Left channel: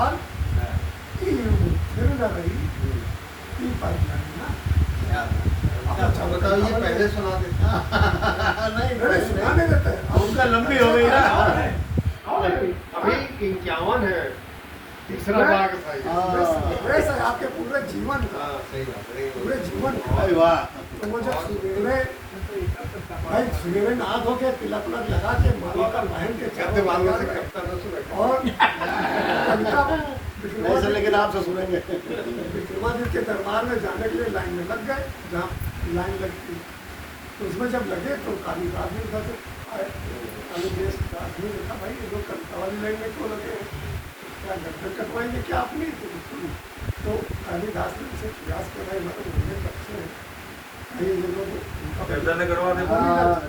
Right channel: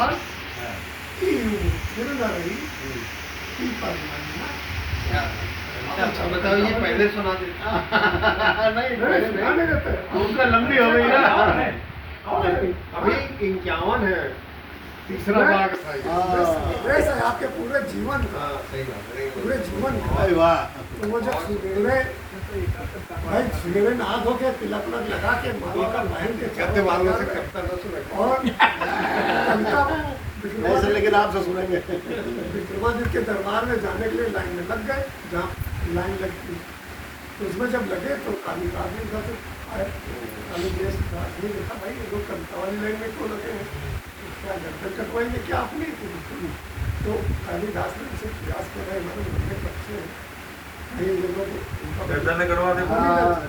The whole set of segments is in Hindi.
काल की फिर न रही की पर अच्छा बताओ, ये पहले सुना देते नहीं सुनाने देते उनका लंबी हो गई ना। अभी 51 है, तीसरा भाग था ये। वैसे आपके पूरे जीवन का सही बात है। पूरे जीवन का अरे वाह, तो वो जब सुबेरे भाई सुबेरे नहा धो के तिलक उलक लगा के माला का पहन के कहते वालों से करता ना सुना। और कविता ऐसे लेकिन आपसे सुनेंगे। विक्रमादित्य के दरबार में जाने के लिए लाइन में लग गए, जहाँ लाइन लगती तो उसमें जब लगे तो कालिदास जी उधर से आए। कालिदास का आदमी देखा भाई ये लोग कविता वाली लाइन में क्यों लगे हैं, क्या गर्दन कटवाएंगे क्या अपनी। तो कालिदास ने उनसे प्रयास किया, भाई हमारे मुझे बच्चे हैं कहीं ये लोग उनका गर्दन करवा दे।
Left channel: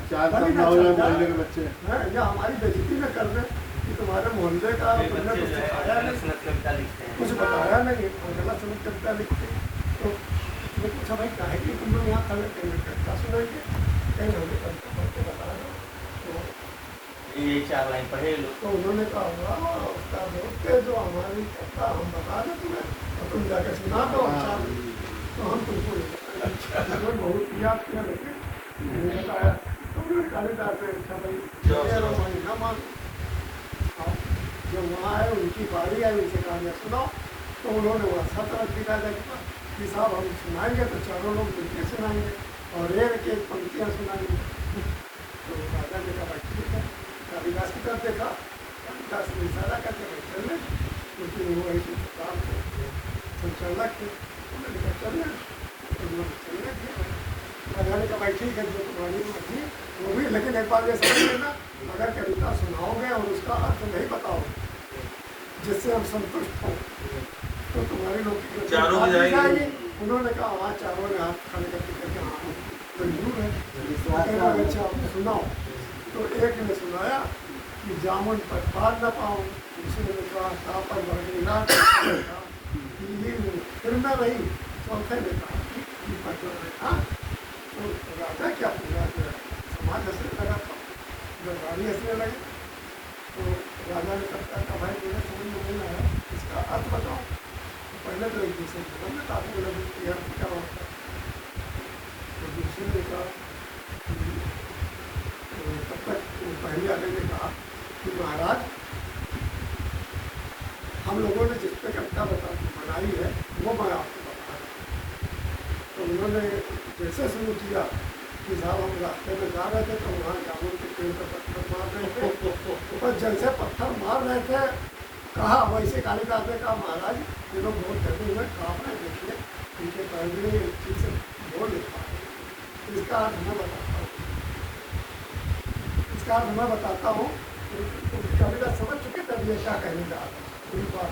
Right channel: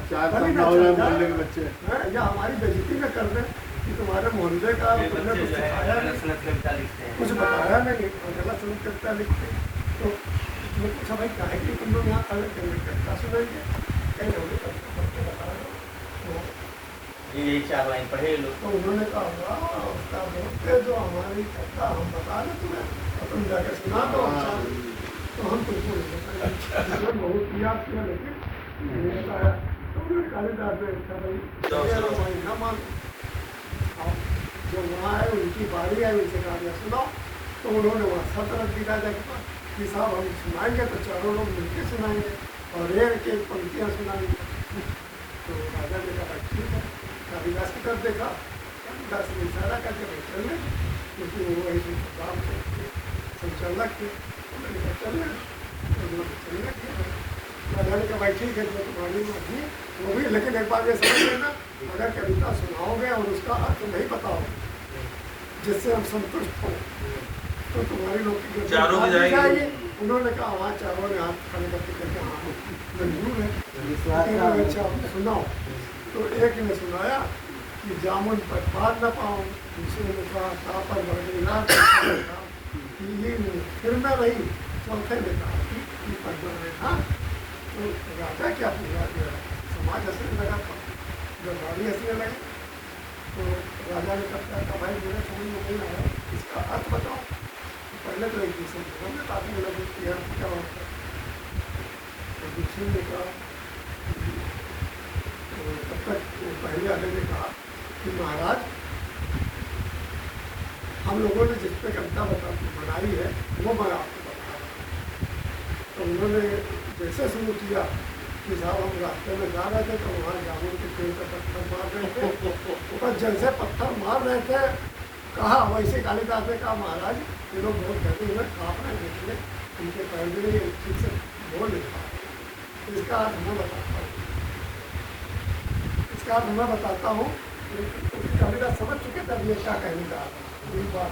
चार मोहल्ले के बच्चे या हमारी बेइज्जती न कर दें कि तुम्हारे मोहल्ले का तुमने कुछ सिखाया नहीं, कुछ बताया नहीं और गलत सुनत कविता लिखते। तो उसने पूछा भाई क्या है कि तुम लोग यहाँ खड़े कहीं कविता सुनाएंगे, कहीं हमें कविता पढ़ के बता दो। ये चार लाइन पढ़े लोग। तो उन्होंने कहा उसका दोस्त है जो हमारी कविता हम बता दें तुम्हें और तुम जाकर सुना दो अच्छा, तो हम तुमको नहीं बहुत किया लेकिन मैंने कहा तुमने कालिदास से भाई न मान जो वहाँ है उनकी बारी है, उनसे कहानियाँ सुनाओ। तो उन्होंने वहाँ छत रख दिया कि साहब हम सुनाएंगे तो चारों लोग मिलकर सुनाएंगे और एक एक पंक्तियाँ सुनाएंगे। तो राजा ने कहा भाई ठीक है, कालिदास की तरफ देखा, कालिदास ने इशारा करके भाई चलने, क्योंकि वो वही काम थे संचालक थे, उन्होंने कहा चलने, तो उन्होंने चलने किया। राजा ने कहा भाई ठीक है जो तुम्हारी मर्जी वो भी, लेकिन एक बात ये समझ लेना, अगर कविता सुनाओगे और उसका अर्थ नहीं बताओगे जिससे हम संतुष्ट हो तो तुम्हारी लोग की जाएगी। उन्होंने कहा वहाँ चारों ने हाथ खड़े करके कहते हाँ मंजूर है, अच्छा आपने सुनाओ। तो एक ने सुनाया कि जामुन पर पार न पाऊँ, दूसरे ने कहा शाह पर बरगीना, फिर मैं रही, चौथे ने कहा कि पद्म था। तो राजा क्या पूरा समाज हंसने लगा था, जब रानी हंसने लगे तो राजा ने कहा भाई मेरे समझ में नहीं आया इसका अर्थ बताओ। तो पहले तो एक दूसरे को समझ ताकि लगे कि अर्थ क्या होता है। तो दूसरे ने कहा तब तक वो पहले आगे ने कहा कि महाराज हम लोगों ने जिस पे कविता बनाई है वो मैं आपको बता रहा हूँ। तो उन्होंने जैसे शुरू किया कि साहब हम रास्ते में जा रहे थे तो वहाँ जामुन के पेड़ पर पत्थर मार रहे थे, पर जैसे पत्थर मार रहे थे कहा वैसे कालिदास ने कहा महाराज ये लोग बहुत कहते हुए काँप रहे देखिए उनके पैर ठीक से बोल नहीं पा रहे। तो इसका अर्थ मैं बताता हूँ, इसका अर्थ मैं बताता हूँ। कालिदास समझ चुके थे मैं क्या कहने जा रहा था एक बार।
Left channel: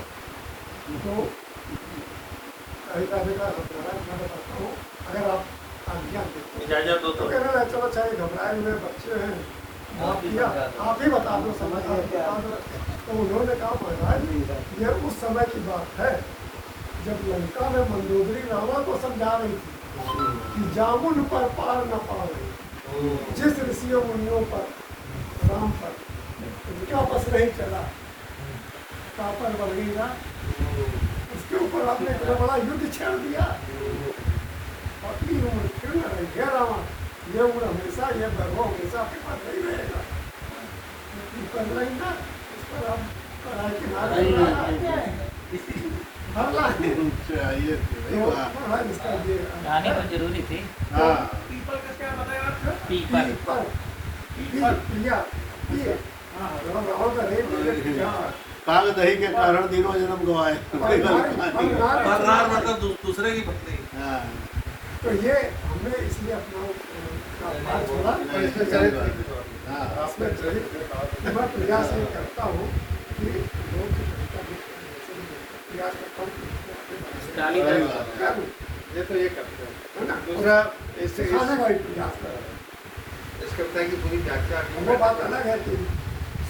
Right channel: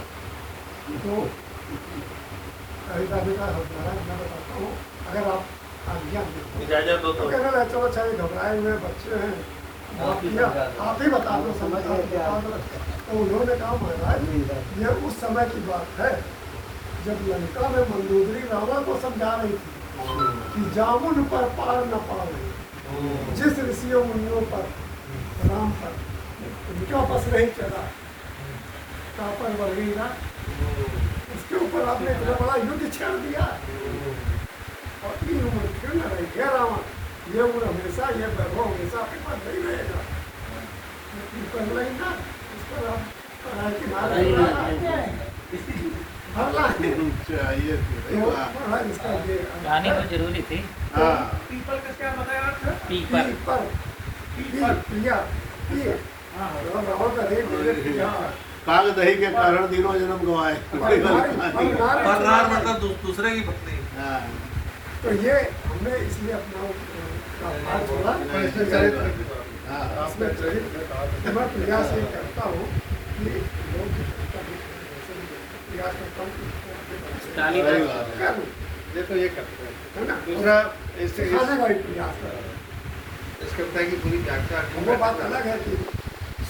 तो कालिदास ने कहा महाराज मैं बताता हूँ अगर आप इजाजत दो तो चलो चाहिए घबराए हुए बच्चे हैं आप ही बता दो समझ। तो उन्होंने कहा महाराज ये उस समय की बात है जब लंका में मंदोदरी रावण को समझा रही थी कि जामुन पर पार न पावे, जिस ऋषियों मुनियों पर राम पर उनके बस नहीं चला कापर बरगीना, उसके ऊपर आपने इतना बड़ा युद्ध छेड़ दिया और इन उम्र क्यों न रही है रावण, ये उम्र हमेशा ये वैभव हमेशा आपके पास नहीं रहेगा। पर नहीं ना उस पर आप पढ़ाई के इसका ये गाने में जरूरी थी। पीपल का क्या बताया पीपल प्रिया रावण का रेत काल दही के कारण दिनों जन्म गवाए। मतलब दूसरे की पत्नी। तो ये हमने इसलिए अपना छोड़ा। मैं प्रयास ये करता हूँ कि लोग प्रयास करता हूँ ये तो ये करते हैं है ना, दूसरा इससे सिखाने का भी प्रयास करता इस कविता की पूरी व्याख्या हूँ। वो बात अलग है कि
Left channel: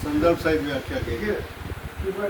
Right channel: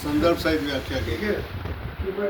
संदर्भ सहित व्याख्या की ये कि मैं